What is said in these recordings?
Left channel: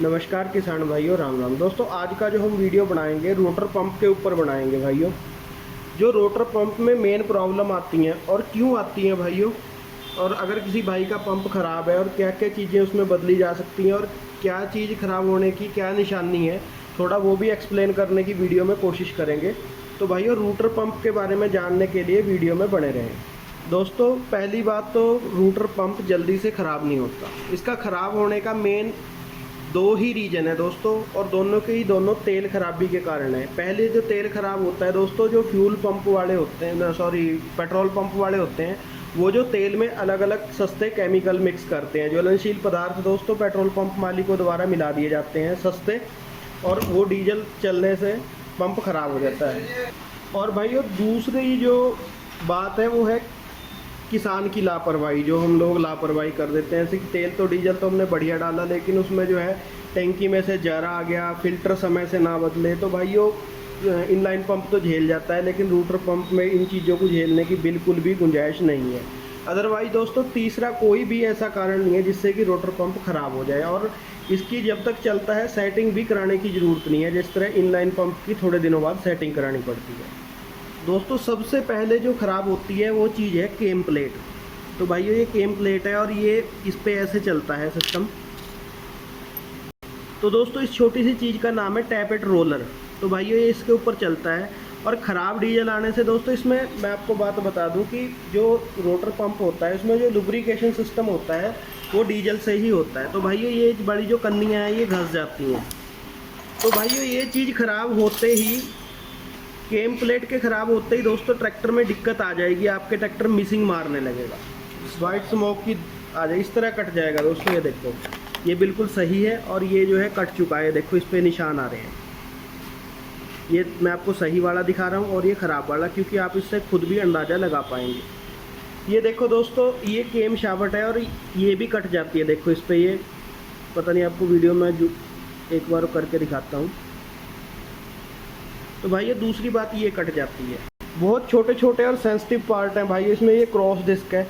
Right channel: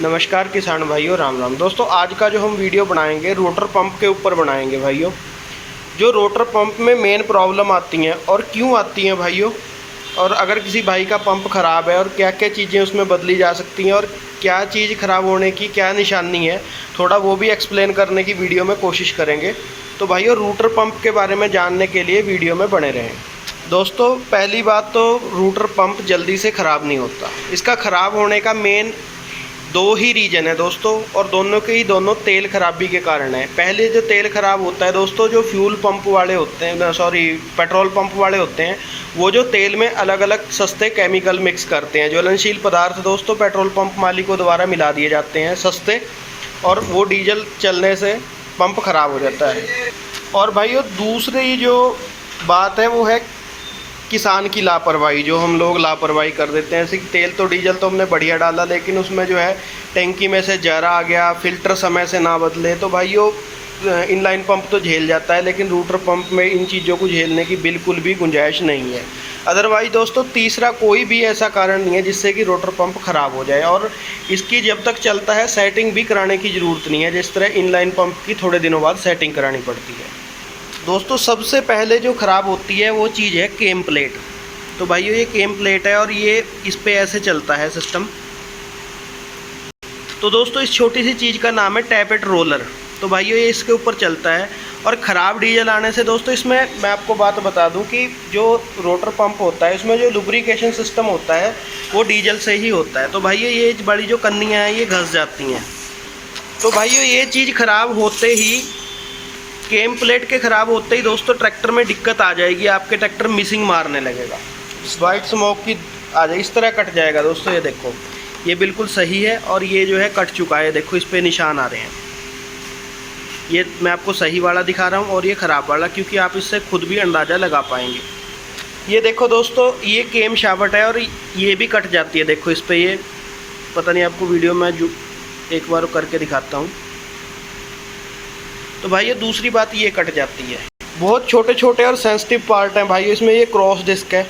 नमस्कार किसान भाइयों, राम राम। दोस्तों आज का जो हम वीडियो बनाएंगे रोटर पंप के ऊपर बनाएंगे भाइयों। जो रोटर पंप में मेन प्रॉब्लम आती हैं और क्यों आती हैं भाइयों, और अगर किसी भाई का पंप ख़राब है और क्या क्या चीज़ें उसमें बदली जा सकती हैं और क्या चीज़ ख़राब होने की क्या निशानी है, थोड़ा वो भी एक्सप्लेन करने की वीडियो में कोशिश करेंगे। तो भाइयों रूटर पंप के बारे में जानने के लिए वीडियो में बने रहें। दोस्तों पहली बात तो रूटर पंप जल्दी से ख़राब नहीं होता। इसका ख़राब होने का मेन दो ही रीज़न है दोस्तों, और दोनों के ही दोनों तेल खराबी के कारण है। पहले जो तेल ख़राब होता है दोस्तों, जो फ्यूल पंप वाले होते हैं, पेट्रोल पंप वाले होते हैं, वो जो तेल में अलग अलग सस्ते केमिकल मिक्स करते हैं। ज्वलनशील पदार्थ दोस्तों पेट्रोल पंप मालिकों द्वारा मिला दिए जाते हैं सस्ते, और वो डीजल चलने से पंप ख़राब हो जाता है। और भाइयों दूसरी जो बात है वो है किसान की लापरवाही। जो हम लोग लापरवाही कर देते हैं, ऐसे तेल तो डीजल तो हमने बढ़िया डाला, लेकिन उसमें जो है टैंकी में से जर आ गया, फिल्टर समय से ना बदले, तो भाइयों इनलाइन पंप तो झेल जाता है, लेकिन रूटर पंप में इन चीज़ों को झेलने की बिल्कुल भी गुंजाइश नहीं है। अदरवाइज दोस्तों तीसरा कोई भी ऐसा कारण नहीं है जिससे कि रोटर पंप ख़राब हो जाए, और इसकी जब तक चलता है सेटिंग भी कराने की ज़रूरत नहीं है, जिस तरह इनलाइन पंप की थोड़े दिनों बाद सेटिंग करानी पड़ती है। दोस्तों सबसे पहले जो ख़राब होती है वो चीज़ है केम प्लेट। तो भाइयों ये केम प्लेट है और ये इस पे ऐसे चलता है सिस्टम। तो दोस्तों इस छोटी सी चीज़ का नाम है टैपेट रोलर। तो भाइयों ये इसके ऊपर चलता है, और ख़राब डीजल आने से दोस्तों इसमें मैं आपको बात बता दूं कि जो रोटर पंप होता है उसमें जो लुब्रिकेशन सिस्टम होता है वो डीजल से ही होता है। तो भाइयों ये बड़ी जो कन्नियाँ हैं ये घस जाती हैं। तो भाइयों ये चीज़ ख़राब होते ही, केम प्लेट के ख़राब होते ही दोस्तों ट्रैक्टर में दिक्कत आ जाएगी। आपके ट्रैक्टर मिसिंग मारने लगेगा, वाइट स्मोक की आ जाए, इस तरह कट जाएगा दोस्तों। ये देखो ये बिल्कुल सही है, और ये जो है कट चुका है, देखो इस पर निशान आ रहे हैं। ये मैं आपको सही वाला दिखा रहा हूँ और ये ख़राब वाला, क्योंकि आप इससे खुद भी अंदाज़ा लगा पाएंगे। ये देखो दोस्तों ये केम शाफ्ट है और ये भी कट जाती है, देखो इस पर ये पता नहीं, आपको वीडियो में जो एक बार करके दिखाता हूँ। तो भाई ये दूसरी बात ये कट जाती है। बहुत छोटे छोटे और सेंसिटिव पार्ट हैं भाई इसमें। ये क्रॉस डिस्क है,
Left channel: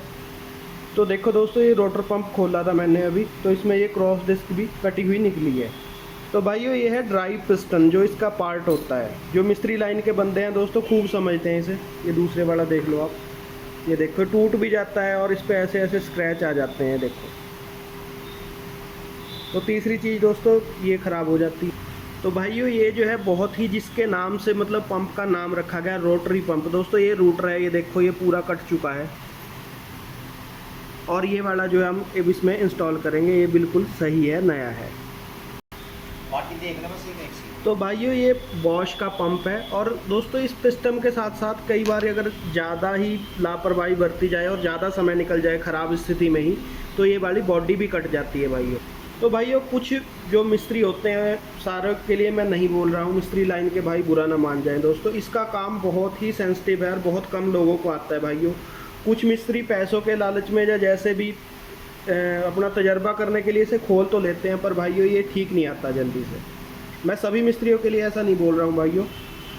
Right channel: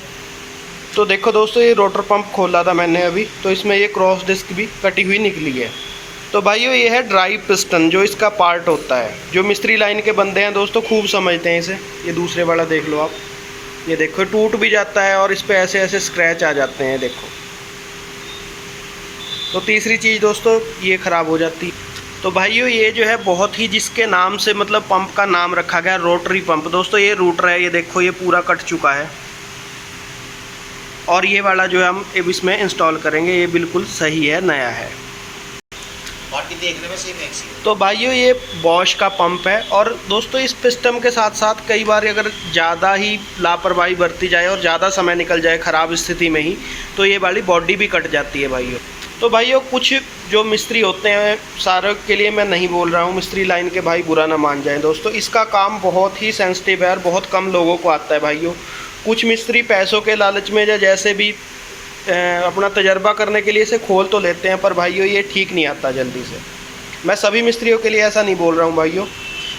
तो देखो दोस्तों ये रोटर पंप खोला था मैंने अभी, तो इसमें ये क्रॉस डिस्क भी कटी हुई निकली है। तो भाइयों ये है ड्राइव पिस्टन, जो इसका पार्ट होता है। जो मिस्त्री लाइन के बंदे हैं दोस्तों खूब समझते हैं इसे। ये दूसरे वाला देख लो आप, ये देखो टूट भी जाता है और इस पर ऐसे ऐसे स्क्रैच आ जाते हैं, देखो। तो तीसरी चीज़ दोस्तों ये ख़राब हो जाती है। तो भाइयों ये जो है बहुत ही, जिसके नाम से मतलब पंप का नाम रखा गया रोटरी पंप। दोस्तों ये रूटर है, ये देखो ये पूरा कट चुका है, और ये वाला जो है हम अब इसमें इंस्टॉल करेंगे, ये बिल्कुल सही है, नया है। बाकी देखने में सेम है। तो भाइयों ये बॉश का पंप है। और दोस्तों इस सिस्टम के साथ साथ कई बार अगर ज़्यादा ही लापरवाही बरती जाए और ज़्यादा समय निकल जाए ख़राब स्थिति में ही, तो ये वाली बॉडी भी कट जाती है भाइयों। तो भाइयों कुछ जो मिस्त्री होते हैं, सारे के लिए मैं नहीं बोल रहा हूँ, मिस्त्री लाइन के भाई बुरा ना मान जाएं दोस्तों, इसका काम बहुत ही सेंसिटिव है और बहुत कम लोगों को आता है भाइयों। कुछ मिस्त्री पैसों के लालच में या जैसे भी अपना तजर्बा करने के लिए इसे खोल तो लेते हैं, पर भाइयों ये ठीक नहीं आता जल्दी से। मैं सभी मिस्त्रियों के लिए ऐसा नहीं बोल रहा हूँ भाइयों,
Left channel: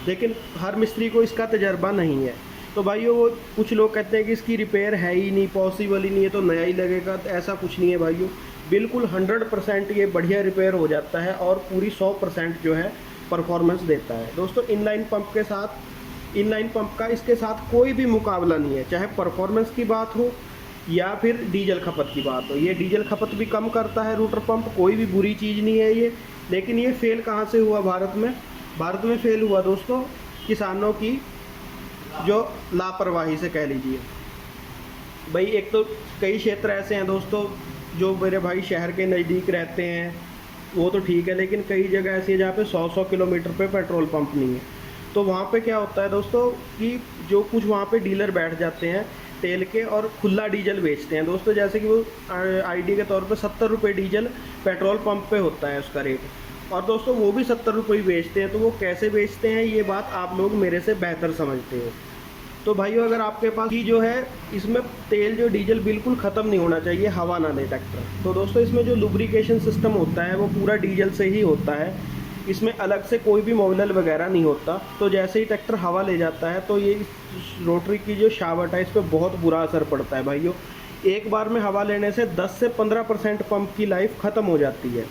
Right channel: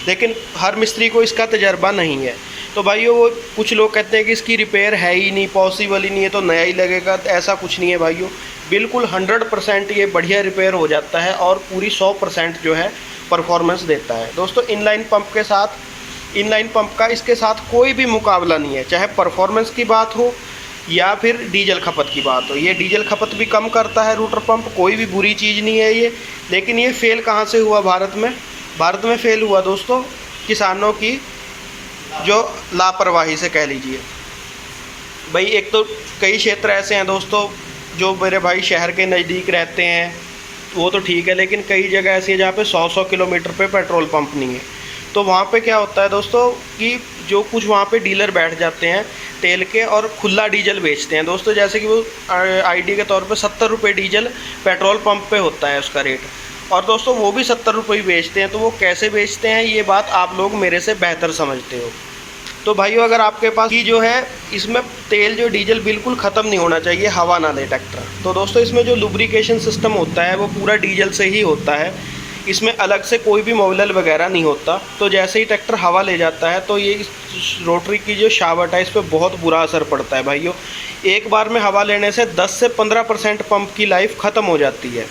लेकिन हर मिस्त्री को इसका तजर्बा नहीं है। तो भाइयों वो कुछ लोग कहते हैं कि इसकी रिपेयर है ही नहीं, पॉसिबल ही नहीं है, तो नया ही लगेगा। ऐसा कुछ नहीं है भाइयों, बिल्कुल 100% ये बढ़िया रिपेयर हो जाता है और पूरी 100% जो है परफॉर्मेंस देता है। दोस्तों इनलाइन पंप के साथ, इनलाइन पंप का इसके साथ कोई भी मुकाबला नहीं है, चाहे परफॉर्मेंस की बात हो या फिर डीजल खपत की बात हो। ये डीजल खपत भी कम करता है रूटर पंप, कोई भी बुरी चीज़ नहीं है ये। लेकिन ये फेल कहाँ से हुआ भारत में? भारत में फेल हुआ दोस्तों किसानों की जो लापरवाही से कह लीजिए भाई। एक तो कई क्षेत्र ऐसे हैं दोस्तों, जो मेरे भाई शहर के नज़दीक रहते हैं वो तो ठीक है, लेकिन कई जगह ऐसी है जहाँ पे 100 किलोमीटर पे पेट्रोल पंप नहीं है। तो वहाँ पे क्या होता है दोस्तों कि जो कुछ वहाँ पे डीलर बैठ जाते हैं तेल के और खुला डीजल बेचते हैं दोस्तों। जैसे कि वो आईडी के तौर पे 70 रुपये डीजल पेट्रोल पंप पे होता है उसका रेट, और दोस्तों वो भी 70 रुपये ही बेचते हैं। तो वो कैसे बेचते हैं ये बात आप लोग मेरे से बेहतर समझते हो। तो भाइयों अगर आपके पास ही जो है इसमें तेल जो डीजल बिल्कुल ख़त्म नहीं होना चाहिए, हवा ना दे ट्रैक्टर। तो दोस्तों इसमें जो लुब्रिकेशन सिस्टम होता है वो पूरा डीजल से ही होता है, इसमें अलग से कोई भी मोबिल वगैरह नहीं होता। तो जैसे ही ट्रैक्टर हवा ले जाता है तो ये रोटरी की जो शाफ्ट है इस पर बहुत बुरा असर पड़ता है भाइयों। एक बार में हवा लेने से 10 से 15% पंप की लाइफ ख़त्म हो जाती है।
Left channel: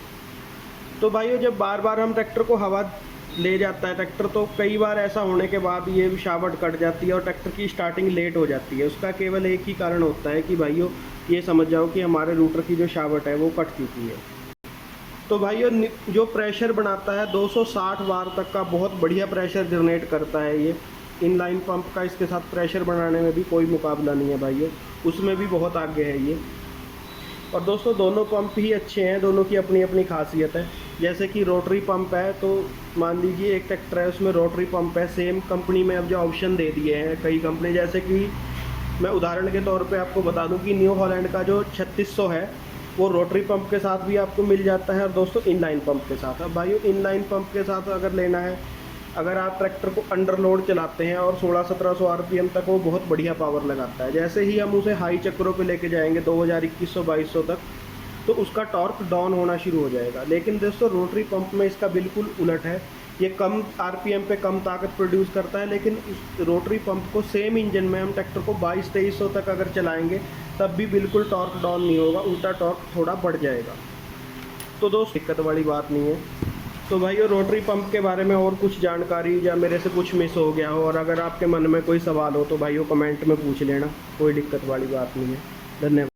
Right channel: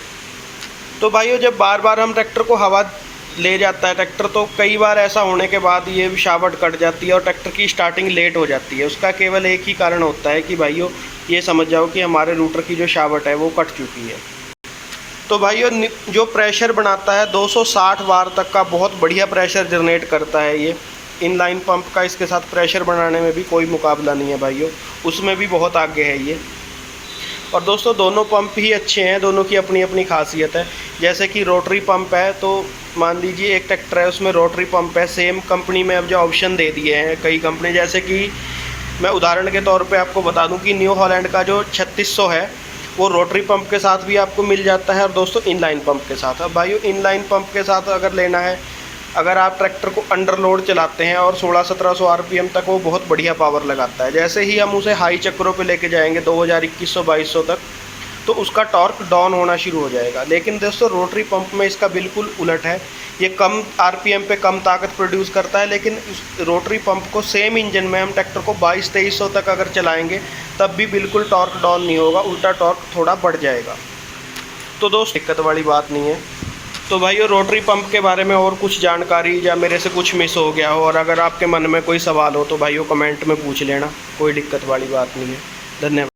तो भाइयों जब बार बार हम ट्रैक्टर को हवा ले जाता है ट्रैक्टर, तो कई बार ऐसा होने के बाद ये शावट कट जाती है और ट्रैक्टर की स्टार्टिंग लेट हो जाती है। उसका केवल एक ही कारण होता है कि भाइयों ये समझ जाओ कि हमारे रूटर की जो शावट है वो कट चुकी है। तो भाइयों जो प्रेशर बनाता है 260 बार तक का बहुत बढ़िया प्रेशर जनरेट करता है ये। इनलाइन पंप का इसके साथ प्रेशर बनाने में भी कोई मुकाबला नहीं है भाइयों, उसमें भी बहुत आगे है ये। और दोस्तों दोनों पंप ही अच्छे हैं, दोनों की अपनी अपनी खासियत है। जैसे कि रोटरी पंप है, तो मान लीजिए एक ट्रैक्टर है उसमें रोटरी पंप है, सेम कंपनी में अब जो ऑप्शन दे दिए हैं कई कंपनी, जैसे कि मैं उदाहरण के तौर पे आपको बता दूं कि न्यू हॉलैंड का जो 3600 है वो रोटरी पंप के साथ भी आपको मिल जाता है और दोस्तों इनलाइन पंप के साथ। अब भाइयों इनलाइन पंप के साथ अगर लेना है, अगर आप ट्रैक्टर को अंडर लोड चलाते हैं और 1600-1700 आरपीएम तक वो बहुत बढ़िया पावर लगाता है। जैसे ही हम उसे हाई चक्करों पे लेके जाएंगे 2000, 2100-2200 तक, तो उसका टॉर्क डाउन होना शुरू हो जाएगा। लेकिन दोस्तों रोटरी पंप में इसका बिल्कुल उलट है, ये कम आरपीएम पे कम ताकत प्रोड्यूस करता है। लेकिन इस रोटरी पंप को सेम इंजन में हम ट्रैक्टर को 2200-2300 तक अगर चलाएंगे तब भी बिल्कुल टॉर्क डाउन नहीं होगा, उल्टा टॉर्क थोड़ा बढ़ जाएगा। तो दोस्त दिक्कत वाली बात नहीं है। तो भाइयों रोटरी पंप के बारे में और कुछ जानकारी या मेरे से कुछ मिस हो गया हो और अगर आपके मन में कोई सवाल हो तो भाइयों कमेंट में पूछ लेना, कोई दिक्कत वाली बात नहीं है। धन्यवाद।